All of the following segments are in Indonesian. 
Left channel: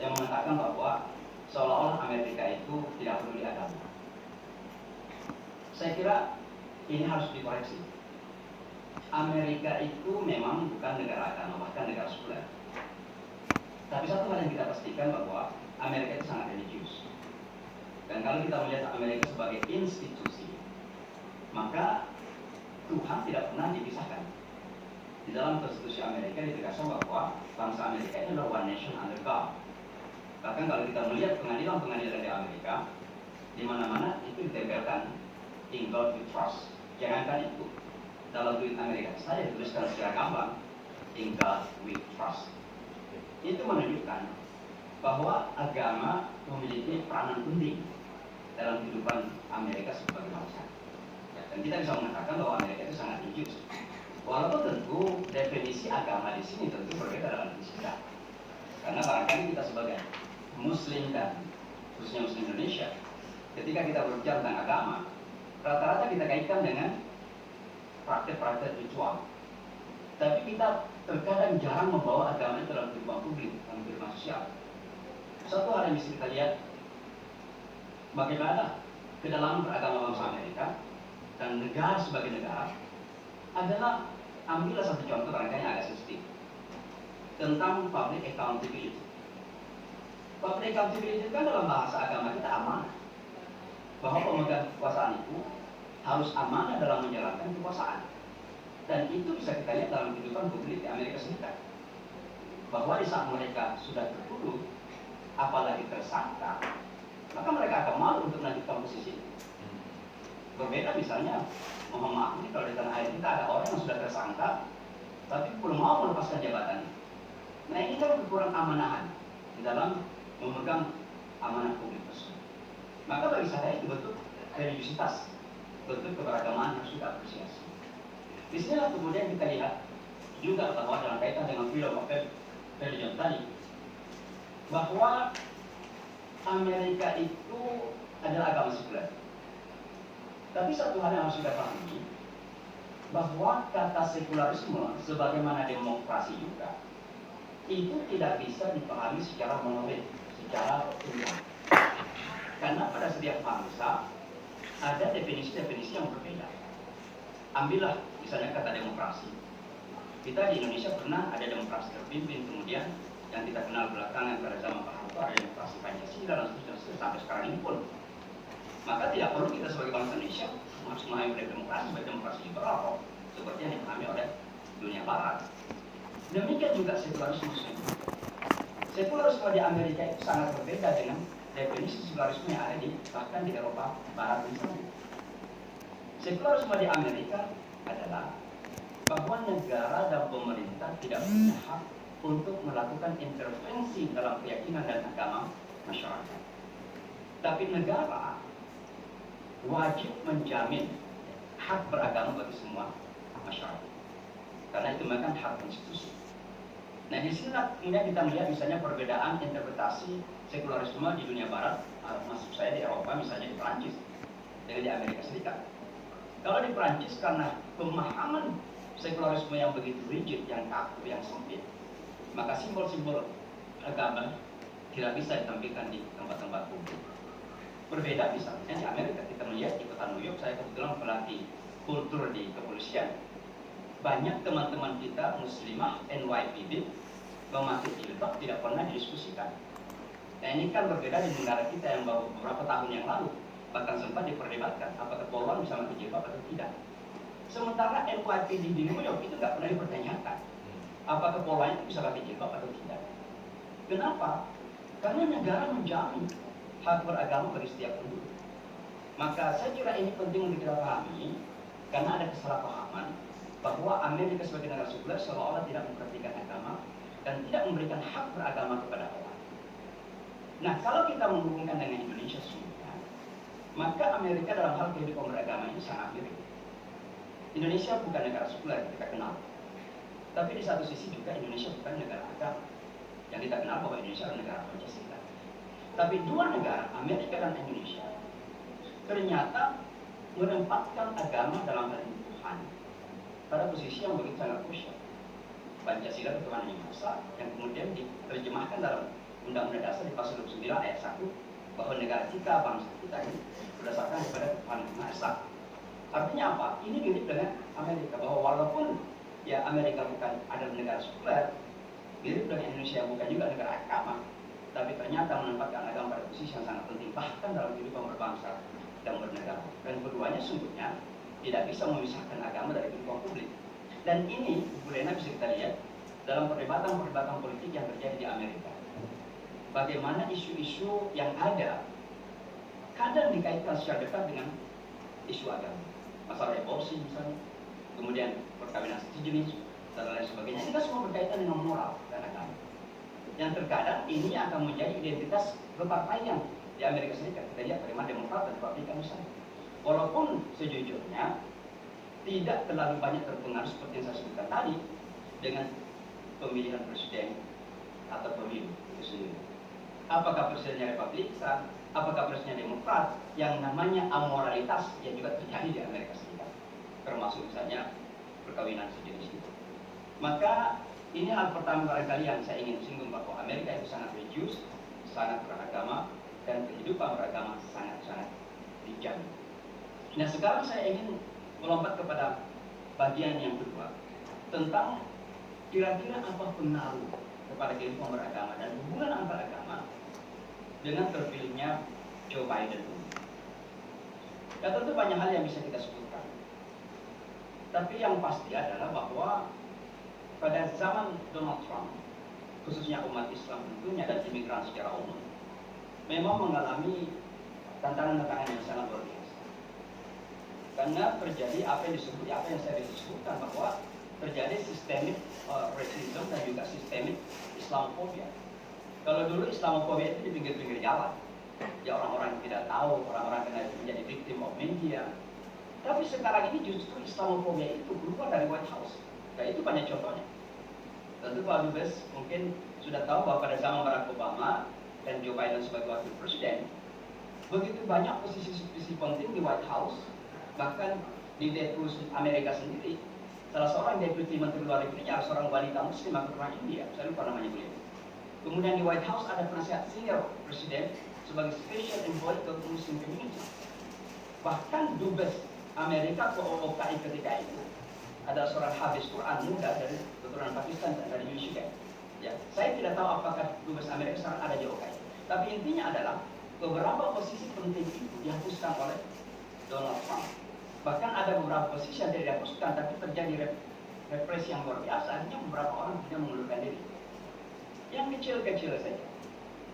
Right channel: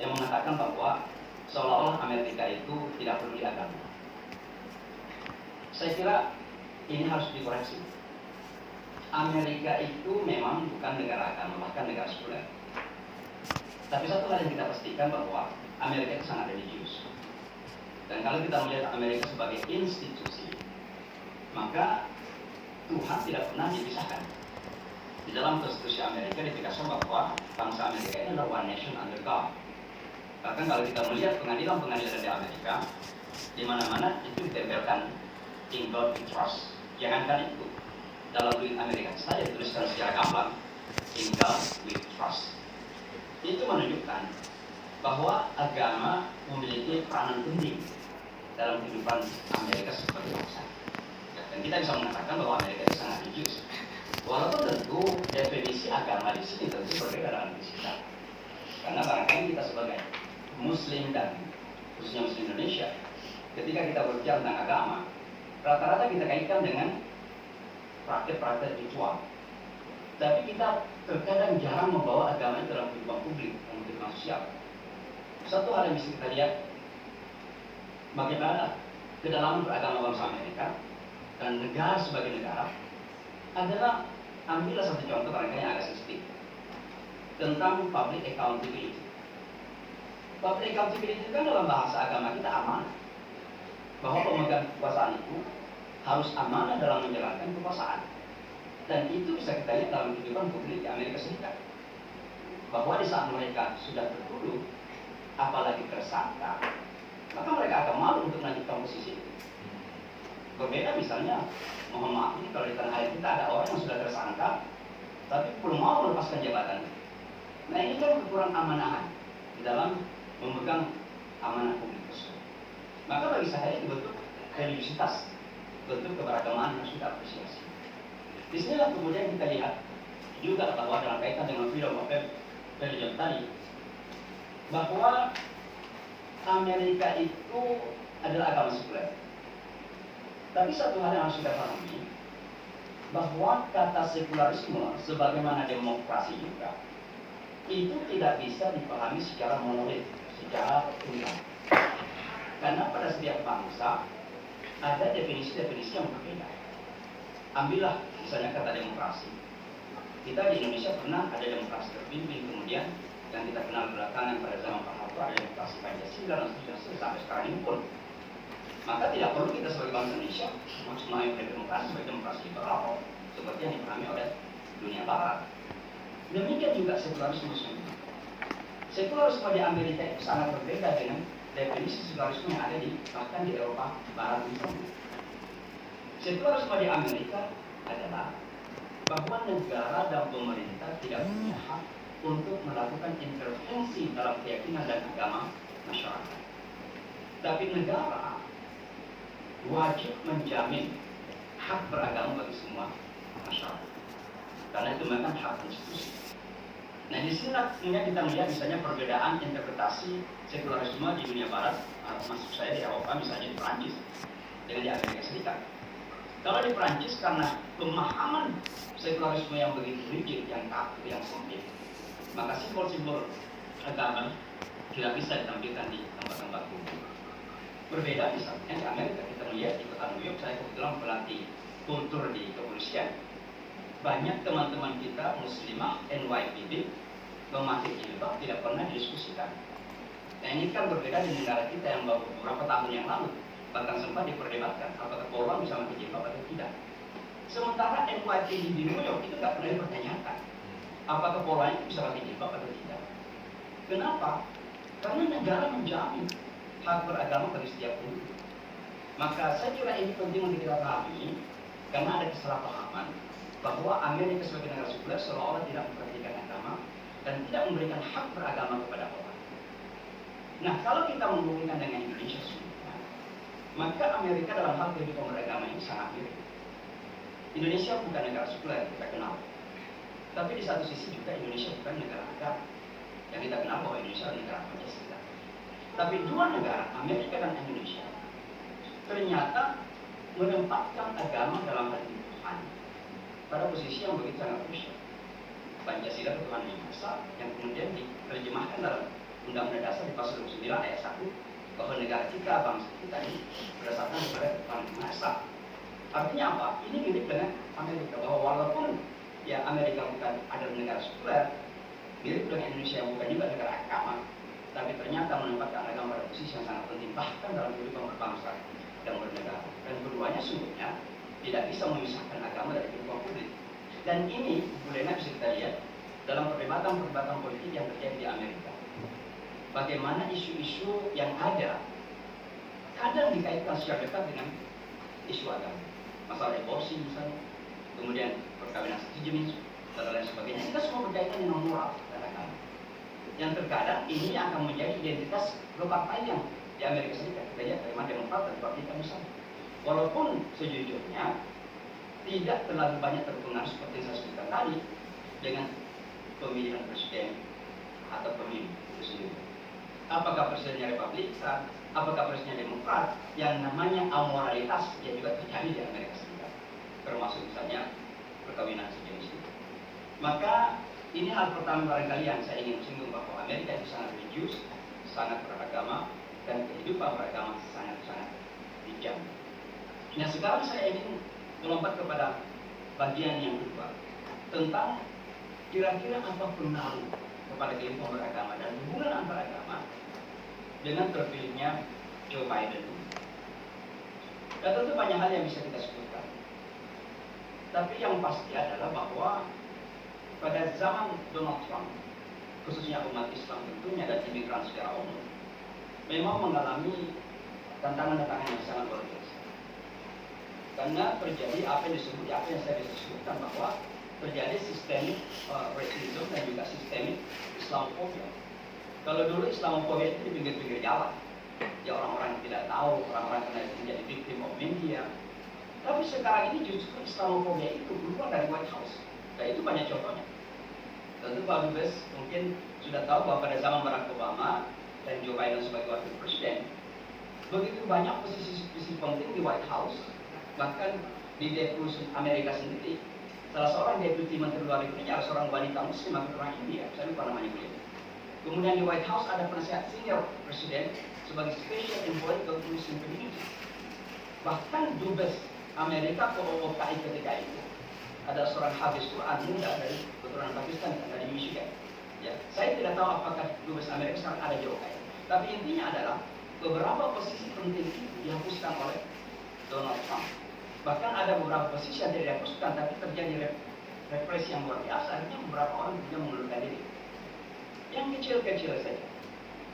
yang mengatakan bahwa seolah-olah Amerika itu tidak peduli agama. Saya kira ini harus dikoreksi. Amerika itu memang bukan negara agama, bahkan negara sekuler. Tapi satu hal yang kita pastikan bahwa Amerika itu sangat religius. Dan kalau kita melihat Amerika sebagai institusi, maka Tuhan tidak pernah dipisahkan. Di dalam konstitusi Amerika ditegaskan bahwa bangsa Amerika ini adalah one nation under God. Bahkan kalau kita melihat pengadilan-pengadilan di Amerika, di mana-mana itu ditempelkan in God we trust. Jangankan itu, dalam duit Amerika saja dituliskan secara gamblang in God we trust. Itu menunjukkan bahwa agama memiliki peranan penting dalam kehidupan Amerika sebagai bangsa. Dan kita bisa mengatakan bahwa Amerika itu sangat religius. Walaupun tentu definisi agama di sini tentu berbeda dengan di kita. Karena barangkali kita sebagai Muslim dan khususnya Muslim Indonesia, ketika kita berbicara tentang agama, rata-rata kita kaitkan dengan praktek-praktek ritual. Tapi kita terkadang jarang membawa agama itu dalam kehidupan publik, dalam kehidupan sosial. Satu hal yang bisa kita lihat, bagaimana kedalaman beragama bangsa Amerika dan negara sebagai negara adalah, ambillah satu contoh barangkali yang agak sensitif tentang public accountability. Public accountability kan dalam bahasa agama kita amanah, bahwa pemegang kekuasaan itu harus amanah dalam menjalankan kekuasaan. Dan itu bisa kita lihat dalam kehidupan publik di Amerika Serikat, bahwa di saat mereka sudah tertuduh, apalagi tersangka, maka mereka akan malu untuk melanjutkan posisi itu. Berbeda misalnya, mohon maaf ini kalau di tanah air kita ada orang yang sudah tersangka tapi belum mau melepaskan jabatannya. Nah ini kan kekurangan amanahan di dalam memegang amanah publik tersebut. Maka bagi saya itu bentuk religiusitas, bentuk keberagamaan harus kita apresiasi. Di sinilah kemudian kita lihat juga bahwa dalam kaitan dengan freedom of religion tadi, bahwa Amerika itu adalah agama sekuler. Tapi satu hal yang harus kita pahami, bahwa kata sekularisme sebagaimana demokrasi juga, itu tidak bisa dipahami secara monolit, secara utuh. Karena pada setiap bangsa ada definisi-definisi yang berbeda. Ambillah misalnya kata demokrasi. Kita di Indonesia pernah ada demokrasi terpimpin, kemudian yang kita kenal belakangan pada zaman Pak Harto ada demokrasi Pancasila dan seterusnya sampai sekarang ini pun. Maka tidak perlu kita sebagai bangsa Indonesia memahami demokrasi sebagai demokrasi liberal seperti yang dipahami oleh dunia Barat. Demikian juga sekularisme. Sekularisme di Amerika itu sangat berbeda dengan definisi sekularisme yang ada bahkan di Eropa Barat misalnya. Sekularisme di Amerika adalah bahwa negara dan pemerintah tidak punya hak untuk melakukan intervensi dalam keyakinan dan agama masyarakat. Tapi negara wajib menjamin hak beragama bagi semua masyarakat. Karena itu merupakan hak konstitusi. Nah di sini kemudian kita melihat misalnya perbedaan interpretasi sekularisme di dunia barat, maksud saya di Eropa misalnya di Perancis dengan di Amerika Serikat. Kalau di Perancis karena pemahaman sekularisme yang begitu rigid, yang kaku, yang sempit, maka simbol-simbol agama tidak bisa ditampilkan di tempat-tempat publik. Berbeda misalnya di Amerika, kita melihat di kota New York, saya kebetulan berlatih kultur di kepolisian. Banyak teman-teman kita muslimah NYPD memakai jilbab tidak pernah didiskusikan. Nah ini kan berbeda di negara kita yang beberapa tahun yang lalu bahkan sempat diperdebatkan apakah polwan bisa memakai jilbab atau tidak. Sementara NYPD di New York itu nggak pernah dipertanyakan apakah polwan itu bisa pakai jilbab atau tidak. Kenapa? Karena negara menjamin hak beragama bagi setiap penduduk. Maka saya kira ini penting untuk kita pahami karena ada kesalahpahaman bahwa Amerika sebagai negara sekuler seolah-olah tidak memperhatikan agama dan tidak memberikan hak beragama kepada orang. Nah, kalau kita menghubungkan dengan Indonesia sebenarnya, maka Amerika dalam hal kehidupan beragama ini sangat mirip. Indonesia bukan negara sekuler kita kenal, tapi di satu sisi juga Indonesia bukan negara agama yang kita kenal bahwa Indonesia adalah negara Pancasila. Tapi dua negara, Amerika dan Indonesia, ternyata menempatkan agama dalam hal ini Tuhan pada posisi yang begitu sangat krusial. Pancasila ketuhanan yang esa yang kemudian diterjemahkan dalam Undang-Undang Dasar di pasal 29 ayat 1 bahwa negara kita, bangsa kita ini berdasarkan kepada Tuhan Esa. Artinya apa? Ini mirip dengan Amerika, bahwa walaupun ya Amerika bukan ada negara sekuler, mirip dengan Indonesia yang bukan juga negara agama, tapi ternyata menempatkan agama pada posisi yang sangat penting bahkan dalam kehidupan berbangsa dan bernegara. Dan keduanya sungguhnya tidak bisa memisahkan agama dari kehidupan publik. Dan ini Bu Lena bisa kita lihat dalam perdebatan politik yang terjadi di Amerika. Bagaimana isu-isu yang ada kadang dikaitkan secara dekat dengan isu agama. Masalah aborsi misalnya, kemudian perkawinan satu jenis, dan lain sebagainya. Ini semua berkaitan dengan moral dan agama. Yang terkadang ini akan menjadi identitas berpartaian di Amerika Serikat. Kita lihat bagaimana Demokrat dan Republikan misalnya. Walaupun sejujurnya tidak terlalu banyak terpengaruh seperti yang saya sebutkan tadi dengan pemilihan presiden atau pemilu itu sendiri. Apakah presidennya Republikan, apakah presidennya Demokrat, yang namanya amoralitas yang juga terjadi di Amerika Serikat, termasuk misalnya perkawinan sejenis itu. Maka ini hal pertama barangkali yang saya ingin singgung, bahwa Amerika itu sangat religius, sangat beragama, dan kehidupan beragama sangat-sangat dijamin. Nah sekarang saya ingin melompat kepada bagian yang kedua tentang kira-kira apa pengaruh kepada kehidupan beragama dan hubungan antar agama dengan terpilihnya Joe Biden. Dan tentu banyak hal yang bisa kita sebutkan. Tapi yang pasti adalah bahwa pada zaman Donald Trump, khususnya umat Islam tentunya dan imigran secara umum, memang mengalami tantangan-tantangan yang sangat luar biasa. Karena terjadi apa yang saya disebutkan, bahwa terjadi sistemik racism dan juga sistemik Islamophobia. Kalau dulu Islamophobia itu di pinggir-pinggir jalan, ya orang-orang yang tidak tahu, orang-orang kena menjadi victim of media. Tapi sekarang ini justru Islamophobia itu keluar dari White House. Nah itu banyak contohnya. Tentu Pak Dubes mungkin sudah tahu bahwa pada zaman Barack Obama dan Joe Biden sebagai wakil presiden, begitu banyak posisi-posisi penting di White House, bahkan di Deputi Amerika sendiri, salah seorang Deputi Menteri Luar Negeri adalah seorang wanita Muslim atau orang India, saya lupa namanya beliau. Kemudian di White House ada penasihat senior presiden sebagai Special Envoy ke Muslim Community. Bahkan Dubes Amerika ke OOKI ketika itu ada seorang habis Quran muda dari keturunan Pakistan dan dari Michigan. Ya, saya tidak tahu apakah Dubes Amerika sekarang ada di OOKI. Tapi intinya adalah beberapa posisi penting itu dihapuskan oleh Donald Trump. Bahkan ada beberapa posisi yang tidak dihapuskan, tapi terjadi represi yang luar biasa. Akhirnya beberapa orang juga mengundurkan diri. Yang kecil-kecil saja,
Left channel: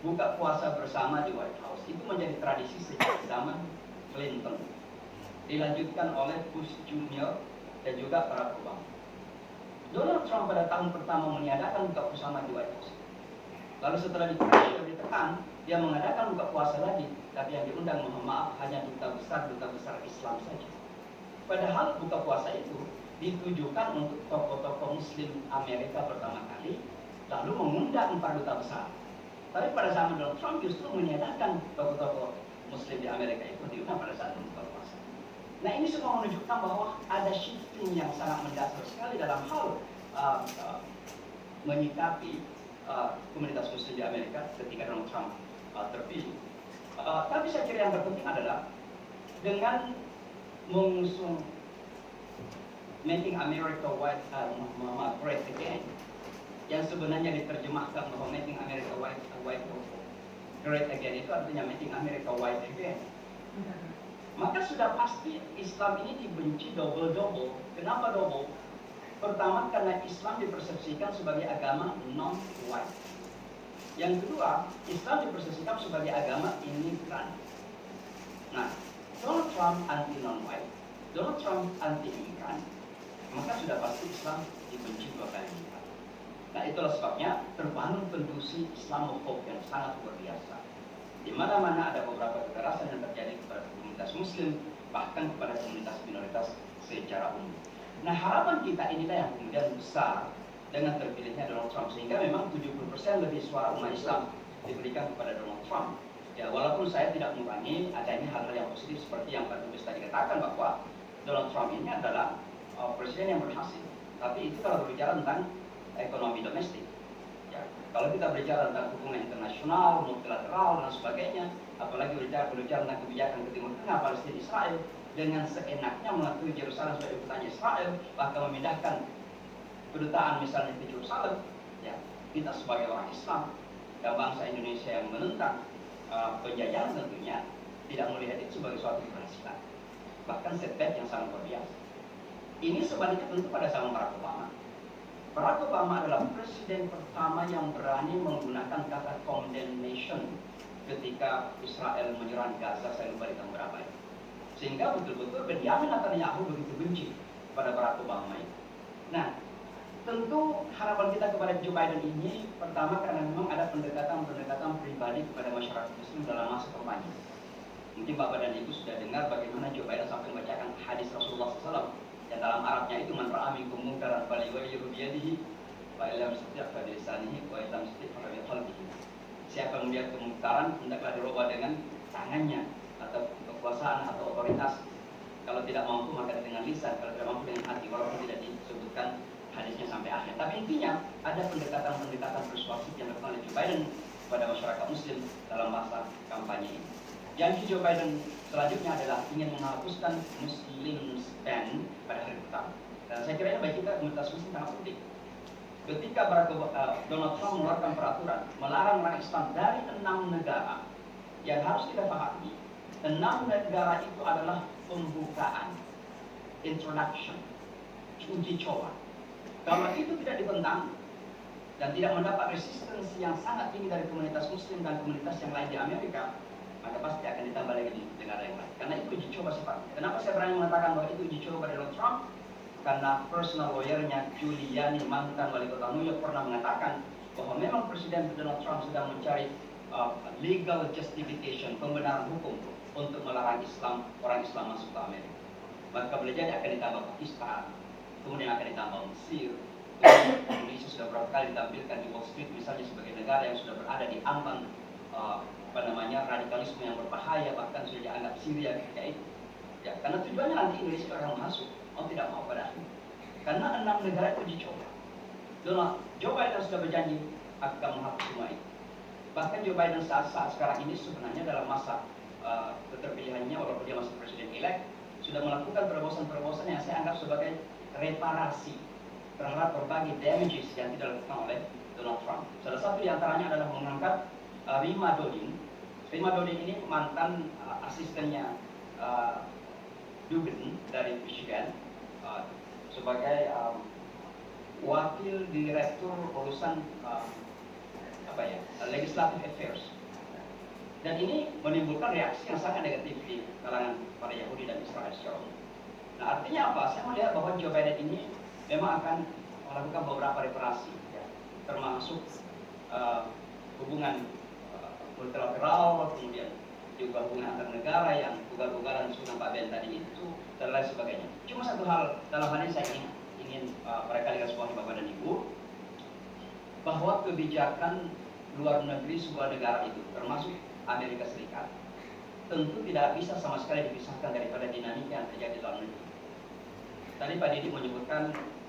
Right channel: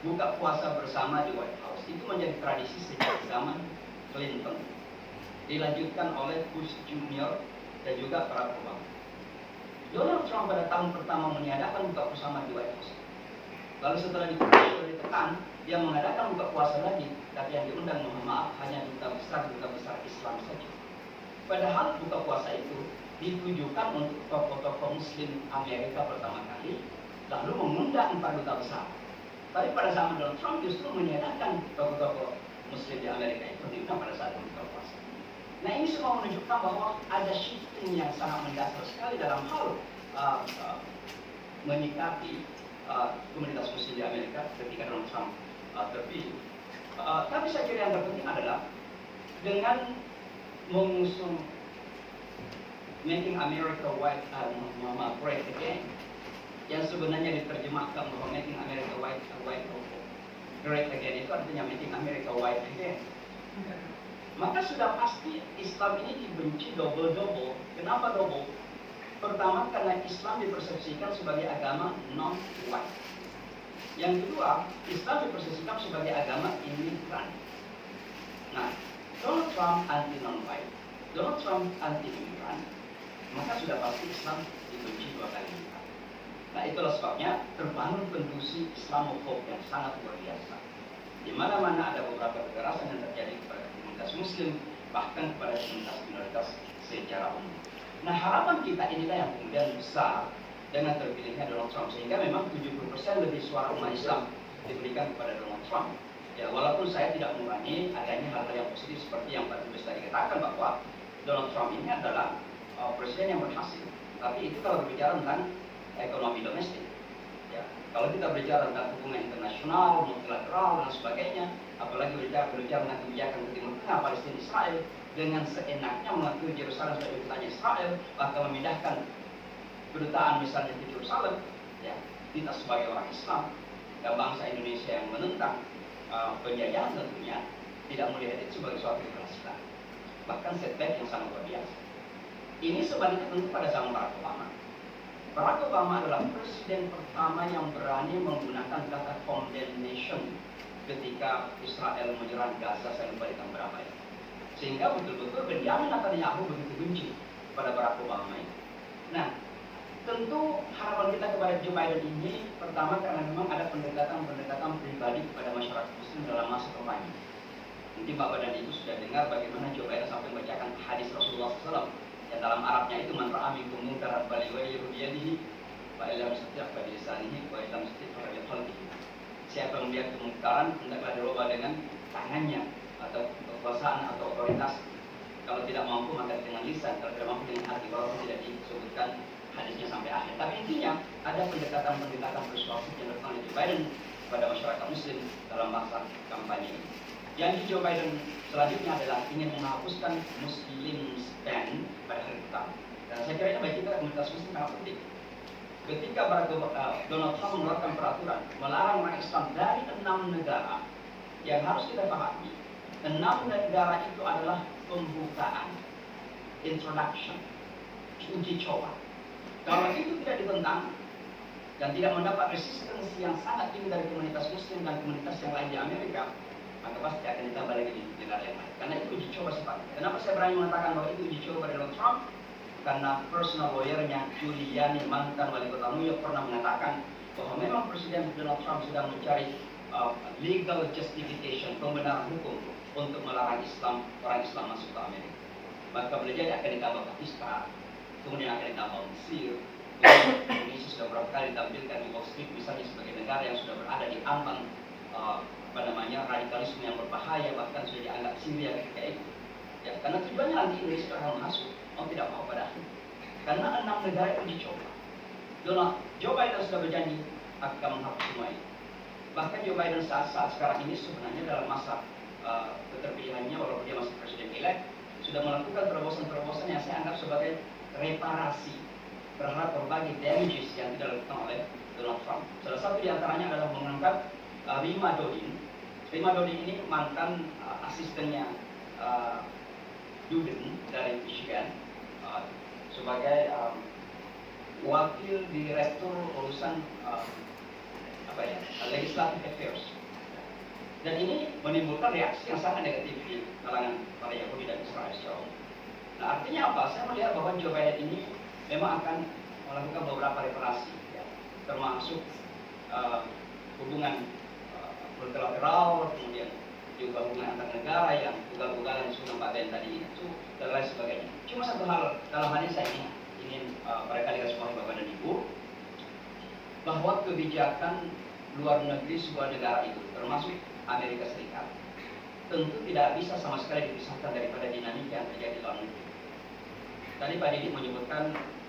buka puasa bersama di White House itu menjadi tradisi sejak zaman Clinton, dilanjutkan oleh Bush Junior dan juga Barack Obama. Donald Trump pada tahun pertama mengadakan buka bersama di White House. Lalu setelah ditekan, dia mengadakan buka puasa lagi, tapi yang diundang, mohon maaf, hanya duta besar Islam saja. Padahal buka puasa itu ditujukan untuk tokoh-tokoh Muslim Amerika pertama kali, lalu mengundang 4 duta besar. Tapi pada zaman Donald Trump justru menyediakan tokoh-tokoh Muslim di Amerika itu diundang pada saat buka puasa. Nah ini semua menunjukkan bahwa ada shifting yang sangat mendasar sekali dalam hal menyikapi komunitas Muslim di Amerika ketika Donald Trump terpilih. Tapi saya kira yang terpenting adalah dengan mengusung Making America Great Again, yang sebenarnya diterjemahkan bahwa Making America Great Again itu artinya Making America White Again. Maka sudah pasti Islam ini dibenci double-double. Kenapa double? Pertama, karena Islam dipersepsikan sebagai agama non-white. Yang kedua, Islam dipersepsikan sebagai agama imigran. Nah, Donald Trump anti non-white, Donald Trump anti imigran, maka sudah pasti Islam dibenci dua kali lipat. Nah itulah sebabnya terbangun kondisi Islamophobia yang sangat luar biasa. Di mana-mana ada beberapa kekerasan yang terjadi kepada komunitas Muslim, bahkan kepada komunitas minoritas secara umum. Nah harapan kita inilah yang kemudian besar dengan terpilihnya Donald Trump, sehingga memang 70% lebih suara umat Islam diberikan kepada Donald Trump. Ya walaupun saya tidak mengurangi adanya hal-hal yang positif seperti yang Pak Dubes tadi katakan, bahwa Donald Trump ini adalah presiden yang berhasil. Tapi itu kalau berbicara tentang ekonomi domestik, Ya. Kalau kita berbicara tentang hubungan internasional, multilateral dan sebagainya, apalagi berbicara tentang kebijakan ke Timur Tengah, Palestina, Israel, dengan seenaknya mengakui Yerusalem sebagai kotanya Israel, bahkan memindahkan kedutaan misalnya di Yerusalem, ya, kita sebagai orang Islam dan bangsa Indonesia yang menentang penjajahan tentunya tidak melihat itu sebagai suatu keberhasilan, bahkan setback yang sangat luar biasa. Ini sebaliknya tentu pada zaman Barack Obama. Barack Obama adalah presiden pertama yang berani menggunakan kata condemnation ketika Israel menyerang Gaza, saya lupa di tahun berapa ya. Sehingga betul-betul Benjamin Netanyahu begitu benci pada Barack Obama ini. Nah, tentu harapan kita kepada Joe Biden ini pertama karena memang ada pendekatan pribadi kepada masyarakat Muslim dalam masa kampanye. Mungkin Bapak dan Ibu sudah dengar bagaimana Joe Biden sampai membacakan hadis Rasulullah SAW yang dalam Arabnya itu man ra'a minkum munkaran falyughayyirhu biyadihi wa illam yastati' fa bilisanihi wa illam yastati' fa biqalbihi. Siapa yang melihat kemungkaran hendaklah dirubah dengan tangannya atau kekuasaan atau otoritas. Kalau tidak mampu maka dengan lisan, kalau tidak mampu dengan hati. Walaupun tidak disebutkan hadisnya sampai akhir. Tapi intinya ada pendekatan persuasif yang dilakukan oleh Joe Biden kepada masyarakat Muslim dalam masa kampanye ini. Janji Joe Biden selanjutnya adalah ingin menghapuskan Muslim ban pada hari pertama. Dan saya kira ini bagi kita komunitas Muslim sangat penting. Ketika Donald Trump mengeluarkan peraturan melarang orang Islam dari 6 negara, yang harus kita pahami, 6 negara itu adalah pembukaan, introduction, uji coba. Kalau itu tidak ditentang dan tidak mendapat resistensi yang sangat tinggi dari komunitas Muslim dan komunitas yang lain di Amerika, maka pasti akan ditambah lagi di negara yang lain. Karena itu uji coba sifatnya. Kenapa saya berani mengatakan bahwa itu uji coba pada Donald Trump? Karena personal lawyernya Giuliani, mantan wali kota New York, pernah mengatakan bahwa memang Presiden Donald Trump sedang mencari legal justification, pembenaran hukum untuk melarang orang Islam masuk ke Amerika. Maka boleh jadi akan ditambah Pakistan, kemudian akan ditambah Mesir. Indonesia sudah beberapa kali ditampilkan di Wall Street misalnya sebagai negara yang sudah berada di ambang radikalisme yang berbahaya, bahkan sudah dianggap Syria ketika itu. Ya, karena tujuannya nanti Indonesia akan masuk, mau tidak mau pada akhirnya. Karena 6 negara itu dicoba. Joe Biden sudah berjanji akan menghapus semua itu. Bahkan Joe Biden saat sekarang ini sebenarnya dalam masa keterpilihannya, walaupun dia masih presiden elect, sudah melakukan terobosan-terobosan yang saya anggap sebagai reparasi terhadap berbagai damages yang tidak dilakukan oleh Donald Trump. Salah satu di antaranya adalah mengangkat Rima Dodin. Rima Dodin ini mantan asistennya Dubin dari Michigan sebagai wakil direktur urusan legislative affairs. Dan ini menimbulkan reaksi yang sangat negatif di kalangan para Yahudi dan Israel secara umum. Nah, artinya apa? Saya melihat bahwa Joe Biden ini memang akan melakukan beberapa reparasi, ya, termasuk hubungan multilateral, kemudian juga hubungan antar negara yang ugal-ugalan sunnah Pak Ben tadi itu dan lain sebagainya. Cuma satu hal dalam hal ini saya ingin barangkali garis bawahi Bapak dan Ibu, bahwa kebijakan luar negeri sebuah negara itu termasuk Amerika Serikat tentu tidak bisa sama sekali dipisahkan daripada dinamika yang terjadi di dalam negeri. Tadi Pak Didi menyebutkan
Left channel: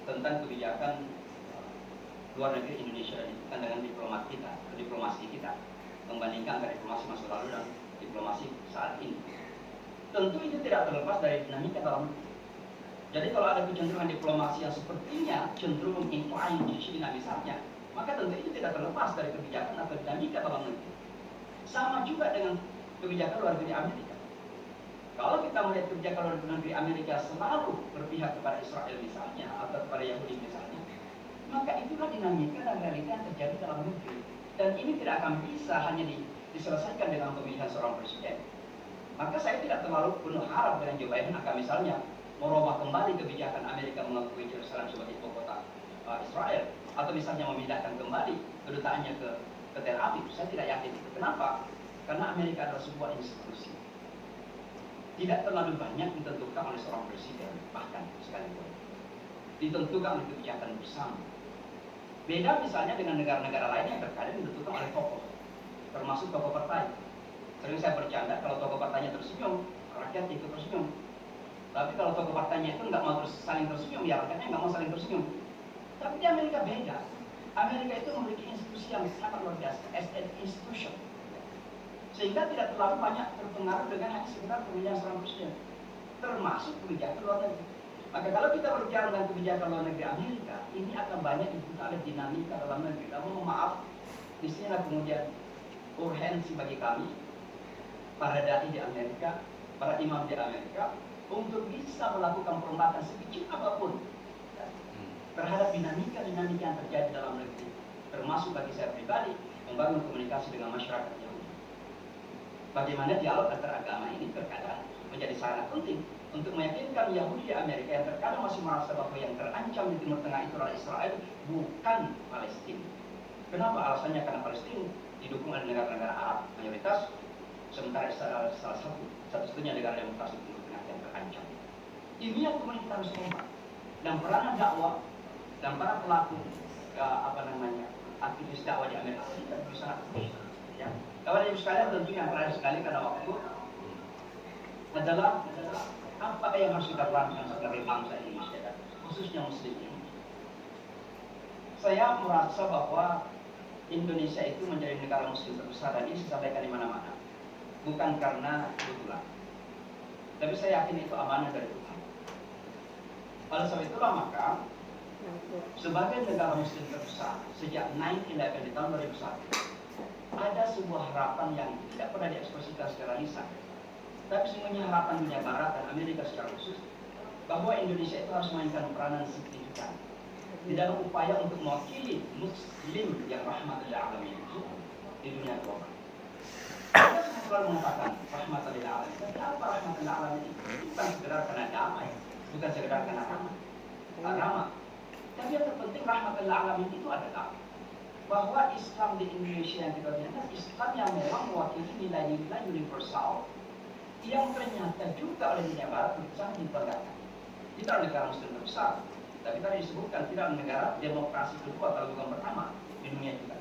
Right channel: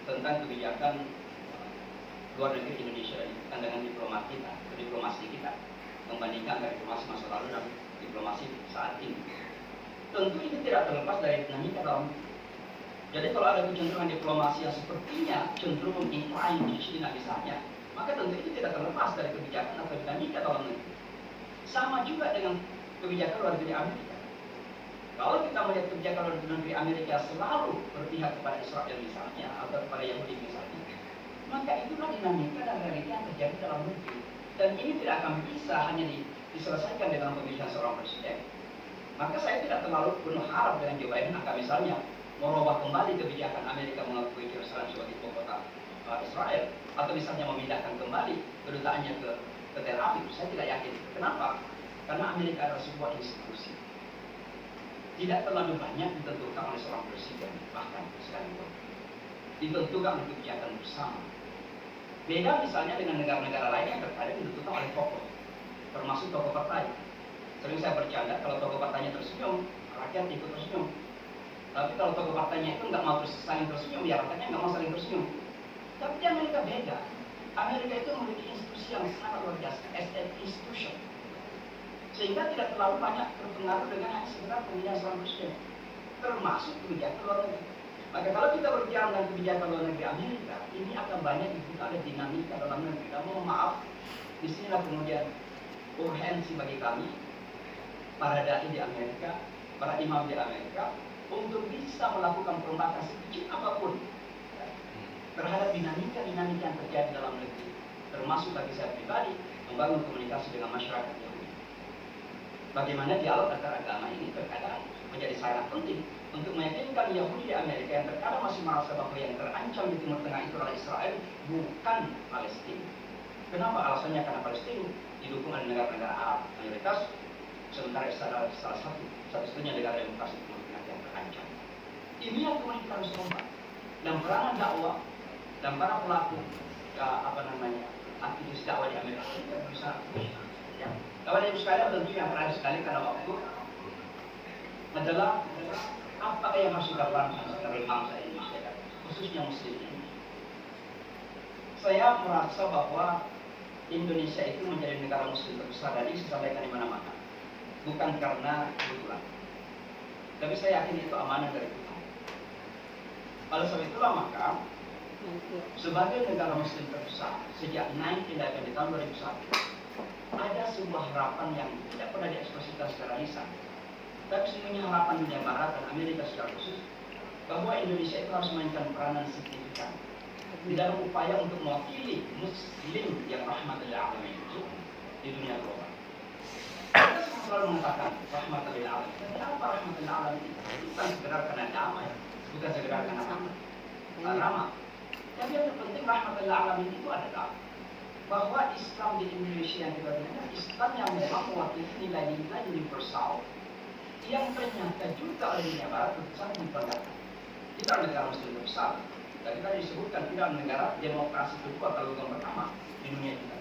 tentang kebijakan luar negeri Indonesia dan dengan diplomasi kita membandingkan dari diplomasi masa lalu dan diplomasi saat ini. Tentu itu tidak terlepas dari dinamika dalam negeri. Jadi kalau ada kecenderungan diplomasi yang sepertinya cenderung incline di China misalnya, maka tentu itu tidak terlepas dari kebijakan atau dinamika dalam negeri. Sama juga dengan kebijakan luar negeri Amerika. Kalau kita melihat kebijakan luar negeri Amerika selalu berpihak kepada Israel misalnya atau kepada Yahudi misalnya, maka itulah dinamika dan realita yang terjadi dalam negeri. Dan ini tidak akan bisa hanya diselesaikan dengan pemilihan seorang presiden. Maka saya tidak terlalu penuh harap dengan Joe Biden akan misalnya merubah kembali kebijakan Amerika mengakui Yerusalem sebagai ibu kota Israel, atau misalnya memindahkan kembali kedutaannya ke Tel Aviv. Saya tidak yakin. Kenapa? Karena Amerika adalah sebuah institusi. Tidak terlalu banyak ditentukan oleh seorang presiden, bahkan sekalipun ditentukan oleh kebijakan bersama. Beda misalnya dengan negara-negara lain yang terkadang ditentukan oleh tokoh, termasuk tokoh partai. Sering saya bercanda, kalau tokoh partainya tersenyum, rakyat ikut tersenyum. Tapi kalau tokoh partainya itu nggak mau saling tersenyum, ya rakyatnya nggak mau saling tersenyum. Tapi di Amerika beda. Amerika itu memiliki institusi yang sangat luar biasa, as an institution, sehingga tidak terlalu banyak terpengaruh dengan hanya sekedar pemilihan seorang presiden, termasuk kebijakan luar negeri. Maka kalau kita berbicara tentang kebijakan luar negeri Amerika, ini akan banyak ada dinamika dalam negeri. Dan mohon maaf, di sini kemudian urgensi bagi kami, para dai di Amerika, para imam di Amerika, untuk bisa melakukan perombakan sekecil apapun terhadap dinamika-dinamika yang terjadi dalam negeri, termasuk bagi saya pribadi membangun komunikasi dengan masyarakat Yahudi. Bagaimana dialog antar agama ini terkadang menjadi sangat penting untuk meyakinkan Yahudi di Amerika yang terkadang masih merasa bahwa yang terancam di Timur Tengah itu adalah Israel, bukan Palestina. Kenapa? Alasannya karena Palestina didukung oleh negara-negara Arab mayoritas, sementara Israel salah satu-satunya negara demokrasi Timur Tengah yang terancam. Ini yang kemudian kita harus kompak. Dan peranan dakwah dan para pelaku aktivis dakwah di Amerika tidak bisa. Ya. Kawan yang sekalian tentunya yang terakhir sekali karena waktu adalah apa yang harus kita lakukan sebagai bangsa Indonesia, khususnya Muslim ini. Saya merasa bahwa Indonesia itu menjadi negara Muslim terbesar, dan ini saya sampaikan di mana-mana, bukan karena kebetulan, tapi saya yakin itu amanah dari Tuhan. Oleh sebab itulah maka sebagai negara Muslim terbesar sejak 9/11 di tahun 2001, ada sebuah harapan yang tidak pernah diekspresikan secara lisan, tapi sebenarnya harapan dunia Barat dan Amerika secara khusus, bahwa Indonesia itu harus memainkan peranan signifikan di dalam upaya untuk mewakili Muslim yang rahmatan lil alamin itu di dunia global. Kita selalu mengatakan rahmatan lil alamin, tapi apa rahmatan lil alamin itu? Bukan sekedar karena damai, bukan sekedar karena ramah. Yang yang terpenting rahmatan lil alamin itu adalah bahwa Islam di Indonesia yang kita gunakan Islam yang memang mewakili nilai-nilai universal yang ternyata juga oleh dunia Barat sangat dibanggakan. Kita adalah negara Muslim terbesar, dan kita disebutkan tidak negara demokrasi kedua atau yang pertama di dunia juga.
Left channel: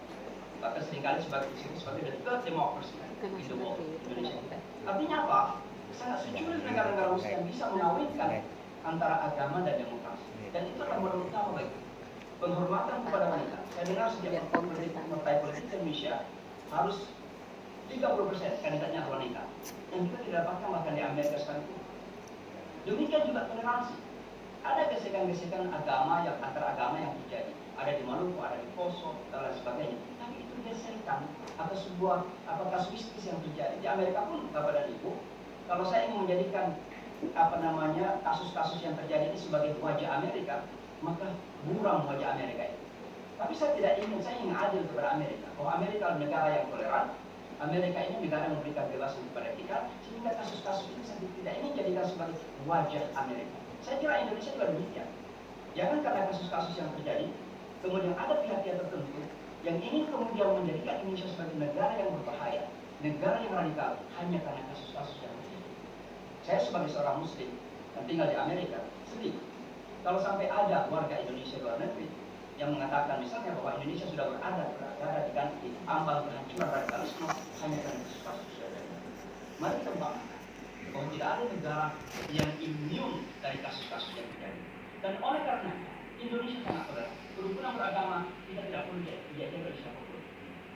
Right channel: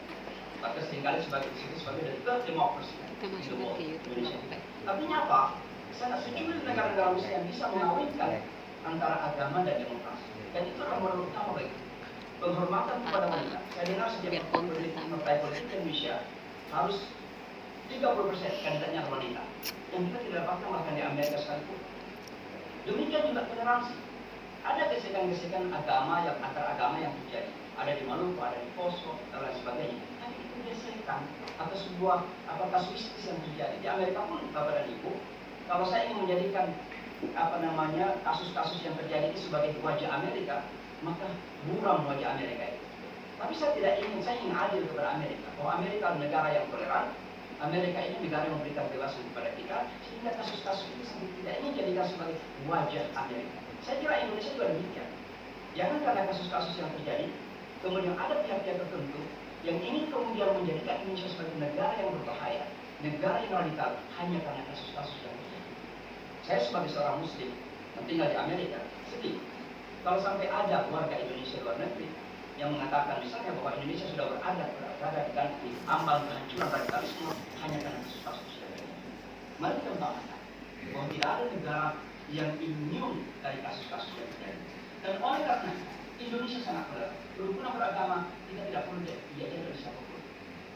Bahkan seringkali disebut sebagai the third democracy di Indonesia. Artinya apa? Sangat secuil negara-negara Muslim yang bisa mengawinkan antara agama dan demokrasi. Dan itu adalah menurut utama bagi penghormatan kepada wanita. Saya dengar sejak partai politik Indonesia harus 30% kandidatnya wanita, yang kita tidak dapatkan bahkan di Amerika sekalipun. Demikian juga toleransi. Ada gesekan-gesekan agama yang antar agama yang terjadi. Ada di Maluku, ada di Poso, dan lain sebagainya. Tapi itu gesekan atau sebuah kasuistis yang terjadi. Di Amerika pun, Bapak dan Ibu, kalau saya ingin menjadikan kasus-kasus yang terjadi itu sebagai wajah Amerika, maka buram wajah Amerika itu. Tapi saya ingin adil kepada Amerika, bahwa Amerika adalah negara yang toleran. Amerika ini negara yang memberikan kebebasan kepada kita, sehingga kasus-kasus ini saya tidak ingin jadikan sebagai wajah Amerika. Saya kira Indonesia juga demikian. Jangan karena kasus-kasus yang terjadi, kemudian ada pihak-pihak tertentu yang ingin kemudian menjadikan Indonesia sebagai negara yang berbahaya, negara yang radikal, hanya karena kasus-kasus yang terjadi. Saya sebagai seorang Muslim yang tinggal di Amerika, sedih kalau sampai ada warga Indonesia luar negeri yang mengatakan misalnya bahwa Indonesia sudah berada di ambang kehancuran radikalisme hanya karena kasus-kasus dari ini. Mari kita banggakan bahwa tidak ada negara yang imun dari kasus-kasus yang terjadi. Dan oleh karena Indonesia sangat toleran, kerukunan beragama kita tidak perlu diajar dari siapapun.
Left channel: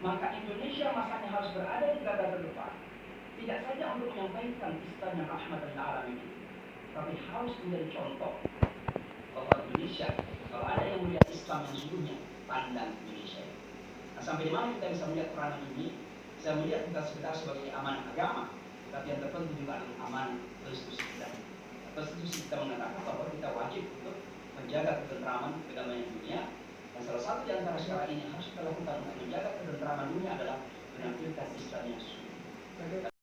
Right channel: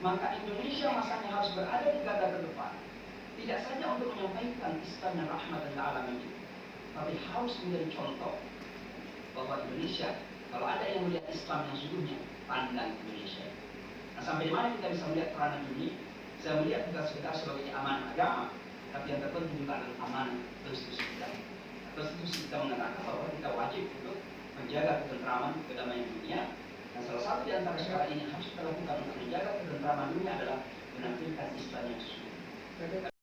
Maka Indonesia masanya harus berada di garda terdepan, tidak saja untuk menyampaikan Islam dan rahmat dan alamin ini, tapi harus menjadi contoh bahwa Indonesia, kalau ada yang melihat Islam yang sungguhnya, pandang Indonesia. Nah, sampai di mana kita bisa melihat peranan ini? Saya melihat bukan sekedar sebagai amanah agama, tapi yang terpenting juga adalah amanah konstitusi kita. Konstitusi kita mengatakan bahwa kita wajib untuk menjaga ketentraman kedamaian dunia, dan salah satu di antara syarat ini harus kita lakukan untuk menjaga ketentraman dunia adalah menampilkan Islam yang sesungguhnya.